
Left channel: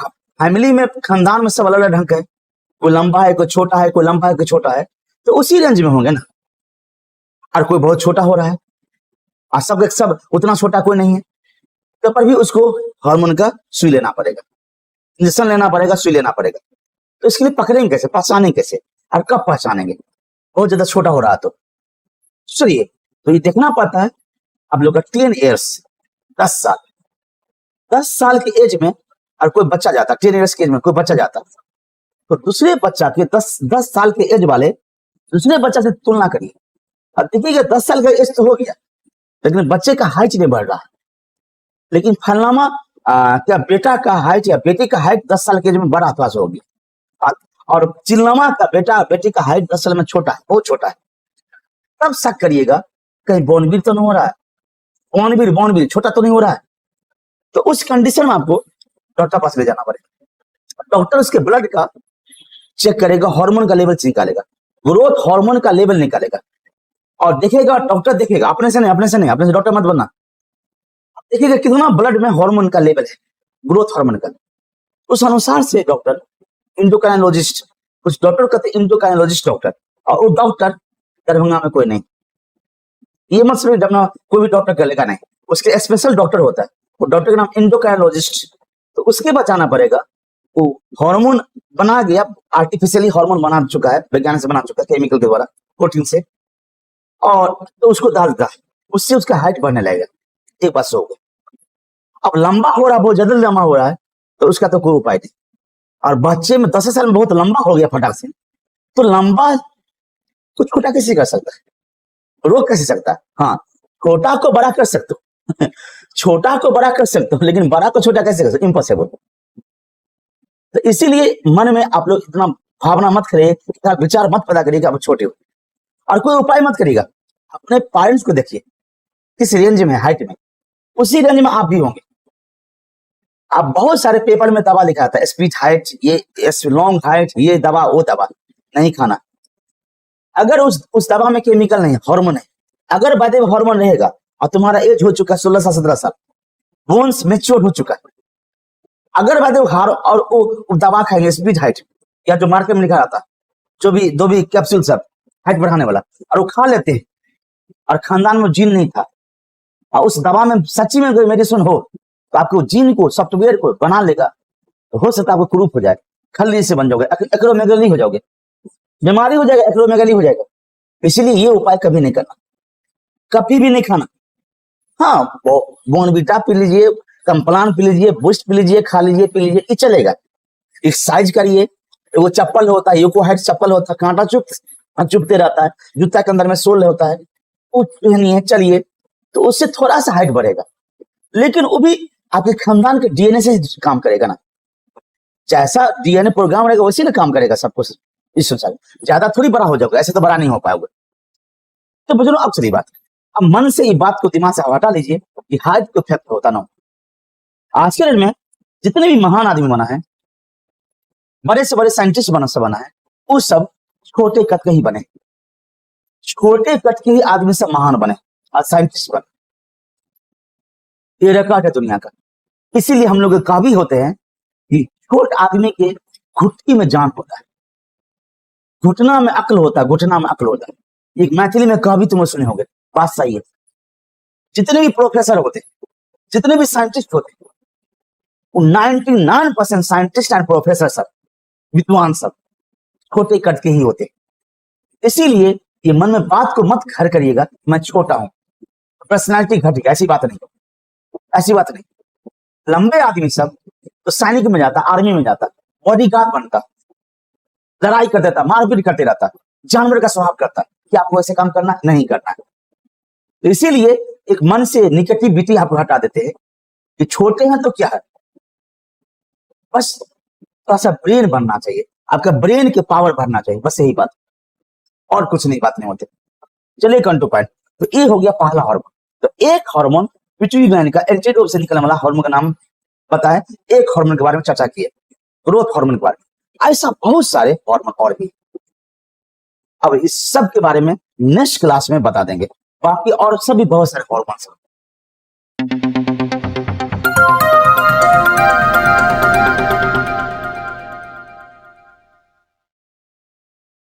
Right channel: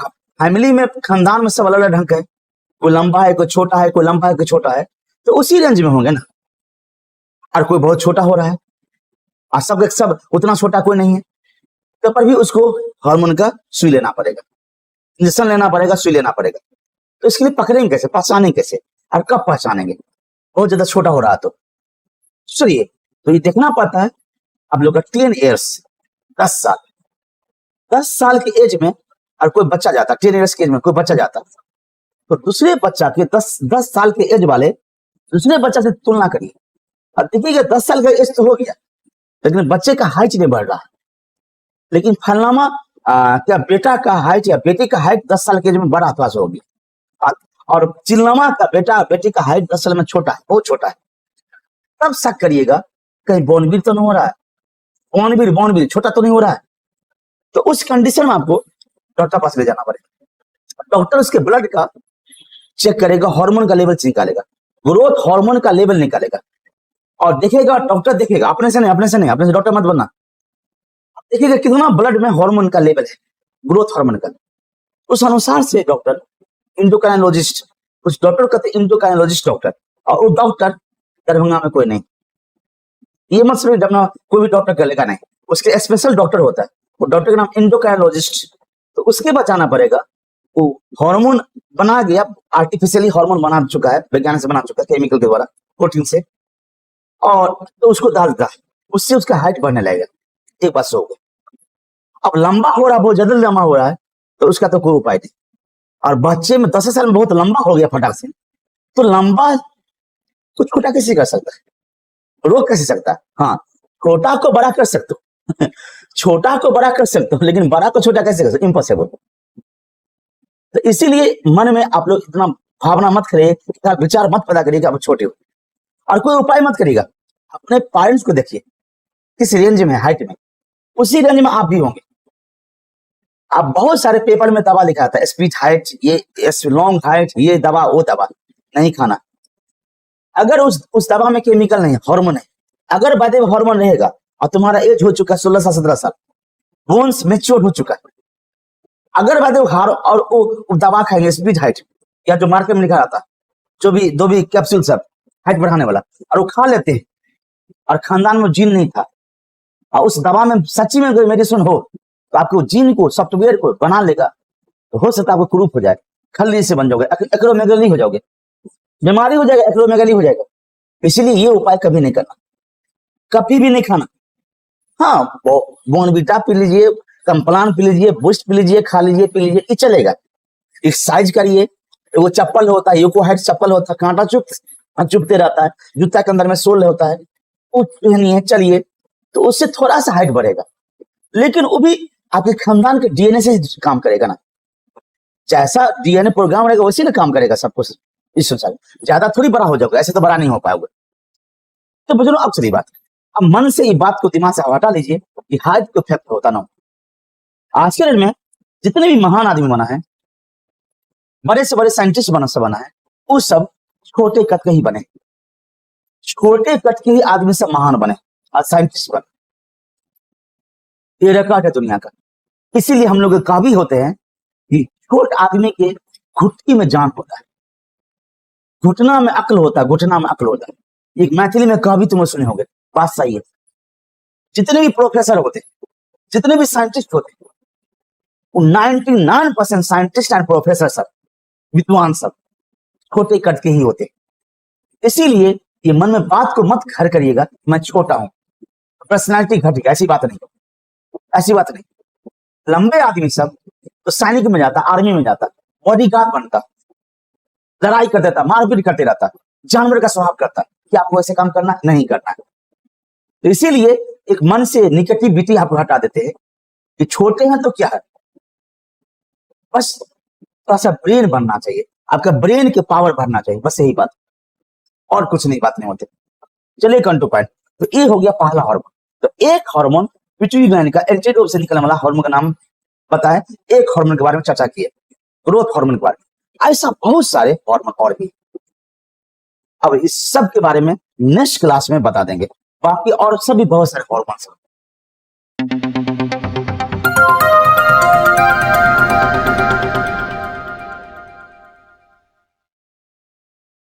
फैमिली में, खानदान में सब अलग अलग ढंग का है, कोई लंबा है, कोई छोटा है, कोई लंबा है, कोई छोटा है, तो उसी रेंज में होंगे ना। अगर कोई बहुत छोटा हो रहा है और सब उतना छोटा कोई नहीं है, तो पर भी उसको हार्मोन का सुई लेना पड़ेगा, इंजेक्शन लेना पड़ेगा, सुई लेना पड़ेगा। तो इसके लिए पकड़ेंगे कैसे, पहचानेंगे कैसे, और कब पहचानेंगे बहुत ज्यादा छोटा हो रहा है तो सुनिए, तो ये देखना पड़ता है। अब लोग 10 ईयर्स, 10 साल, 10 साल की एज में और कोई बच्चा जाता, 10 ईयर्स की एज में कोई बच्चा जाता, तो दूसरे बच्चा के 10 साल के एज वाले दूसरे बच्चा से तुलना करिए, अब देखिए 10 साल का एज तो हो गया, लेकिन बच्चे का हाइट नहीं बढ़ रहा है, लेकिन फलनामा क्या बेटा का हाइट या बेटी का हाइट 10 साल के एज में बड़ा पास हो गया, और चिल्लामा का बेटा बेटी का हाइट 10 साल में छोटा है, बहुत छोटा है, तब शक करिएगा कहीं बॉर्नविल तो नहीं हो रहा है, बॉर्नविल छोटा तो नहीं हो रहा है। तो उस कंडीशन में आपको डॉक्टर पास ले जाना पड़ेगा, डॉक्टर उसके ब्लड का चेक करेगा, हार्मोन का लेवल चेक करेगा, ग्रोथ हार्मोन का लेवल निकालेगा और देखेगा, डॉक्टर देखेगा, अपने से नहीं, डॉक्टर मत बनना, देखिएगा कितना ब्लड में हार्मोन का लेवल है, ग्रोथ हार्मोन का, उस अनुसार से डॉक्टर इंडोक्राइनोलॉजिस्ट, उस डॉक्टर कहते हैं इंडोक्राइनोलॉजिस्ट डॉक्टर, और वो डॉक्टर दरभंगा में कोई नहीं, कोई भी डॉक्टर चलेगा नहीं, उसके स्पेशल डॉक्टर होता है, वो डॉक्टर का नाम इंडोक्राइनोलॉजिस्ट। तो उसके बचाना पड़ेगा, वो हार्मोन बना गया, आर्टिफिशियली हार्मोन बना चुका है, वैज्ञानिक से बना चुका है, केमिकल के द्वारा, प्रोटीन से, और तो उसको डालता है, उससे उसका हाइट बढ़ने लगेगा, एक बात हो गई। अब लंबा हो रहा है, बहुत ज्यादा लंबा हो रहा है, उसका तो कोई उपाय नहीं, और बच्चे में 10 साल में बहुत लंबा हो गया फटाक से, तो लंबा को छोटा कैसे कर सकता है, रोक कैसे सकता है? हाँ, छोटा को बड़ा कर सकते हो छोटा को बड़ा कर सकते हो, लेकिन बड़ा को छोटा कैसे कर सकते? इम्पॉसिबल। इसीलिए मन में आप लोग इतना भावना मत करिए, इतना विचार मत पैदा करिए कि आप छोटे हो, और कोई उपाय मत करिएगा। अपने पेरेंट्स को देखिए किस रेंज में, हाइट में, उसी रेंज में आप भी होंगे। आप बहुत सारे पेपर में दवा दिखाता है, स्पीच हाइट, ये लॉन्ग हाइट, ये दवा वो दवा नहीं खाना। अगर उस दवा में केमिकल नहीं है, हार्मोन है, अगर बाय हार्मोन रहेगा और तुम्हारा एज हो चुका है 16 साल 17 साल, बोन्स मेच्योर हो चुका है, अगर बाय हार और वो दवा खाएंगे स्पीच हाइट, या जो मार्केट में लिखा जाता है जो भी कैप्सूल सब हाइट बढ़ाने वाला, और वो खा लेते हैं, और खानदान में जीन नहीं था, और उस दवा में सच्ची में कोई मेडिसिन हो, तो आपको जीन को, सॉफ्टवेयर को बना लेगा, तो हो सकता है वो तुरंत हो जाए, खल्ली से बन जाओगे, एक्रोमेगली हो जाओगे, बीमारी हो जाएगा, एक्रोमेगली हो जाएगा। इसलिए ये उपाय कभी नहीं करना, कभी भी नहीं खाना। हाँ, बोनविटा पी लीजिए, कंप्लान पी लीजिए, बूस्ट पी लीजिए, खा लीजिए, पी लीजिए, ये चलेगा। एक्सरसाइज करिए, वो चप्पल होता है, यूको हाइट चप्पल होता है, कांटा चुभते रहता है, जूता के अंदर में सोल होता है, वो पहनिए, चलिए, तो उससे थोड़ा सा हाइट बढ़ेगा, लेकिन वो भी आपके खानदान के डीएनए से काम करेगा ना, जैसा डीएनए प्रोग्राम रहेगा वैसे ना काम करेगा सब कुछ। इस संसार ज्यादा थोड़ी बड़ा हो जाएगा, ऐसे तो बड़ा नहीं हो पाएगा। तो बुजुर्ग, अब सही बात, अब मन से ये बात को दिमाग से हटा लीजिए कि हाइट तो इफेक्ट होता ना हो। आज के दिन में जितने भी महान आदमी बना है, बड़े से बड़े साइंटिस्ट बना है, वो सब छोटे कद के ही बने, छोटे कद के ही आदमी सब महान बने और साइंटिस्ट बने। ये रिकॉर्ड है दुनिया का। इसीलिए हम लोग काबिल होते हैं कि छोटे आदमी के घुटकी में जान होता है, घुटना में अक्ल होता है, घुटना में अक्ल होता है। एक मैथिली में कभी तुम सुने होंगे, बात सही है। जितने भी प्रोफेसर होते, जितने भी साइंटिस्ट होते, 99% साइंटिस्ट एंड प्रोफेसर सब, विद्वान सब छोटे कद के ही होते। इसीलिए ये मन में बात को मत घर करिएगा मैं छोटा हूं, पर्सनैलिटी घटेगी, ऐसी बात नहीं, ऐसी बात नहीं। लंबे आदमी सब तो सैनिक में जाता, आर्मी में जाता, बॉडीगार्ड बनता, जानवर का स्वभाव करता कि आपको ऐसे काम करना नहीं करना। इसीलिए एक मन से निगेटिविटी आप हटा देते हैं कि छोटे हैं तो क्या है, बस ऐसा ब्रेन बनना चाहिए, आपका ब्रेन के पावर बढ़ना चाहिए, बस यही बात, और कुछ नहीं, बात नहीं होती। चलिए कौन टू पॉइंट, तो ये हो गया पहला हार्मोन। तो एक हार्मोन पिट्यूटरी ग्लैंड का एंटीडोट से निकलने वाला हार्मोन का नाम बताएं, एक हार्मोन के बारे में चर्चा की है, ग्रोथ हार्मोन के बारे में। ऐसा बहुत सारे हार्मोन और भी, अब इस सब के बारे में नेक्स्ट क्लास में बता देंगे, बाकी और सभी बहुत सारे हार्मोन।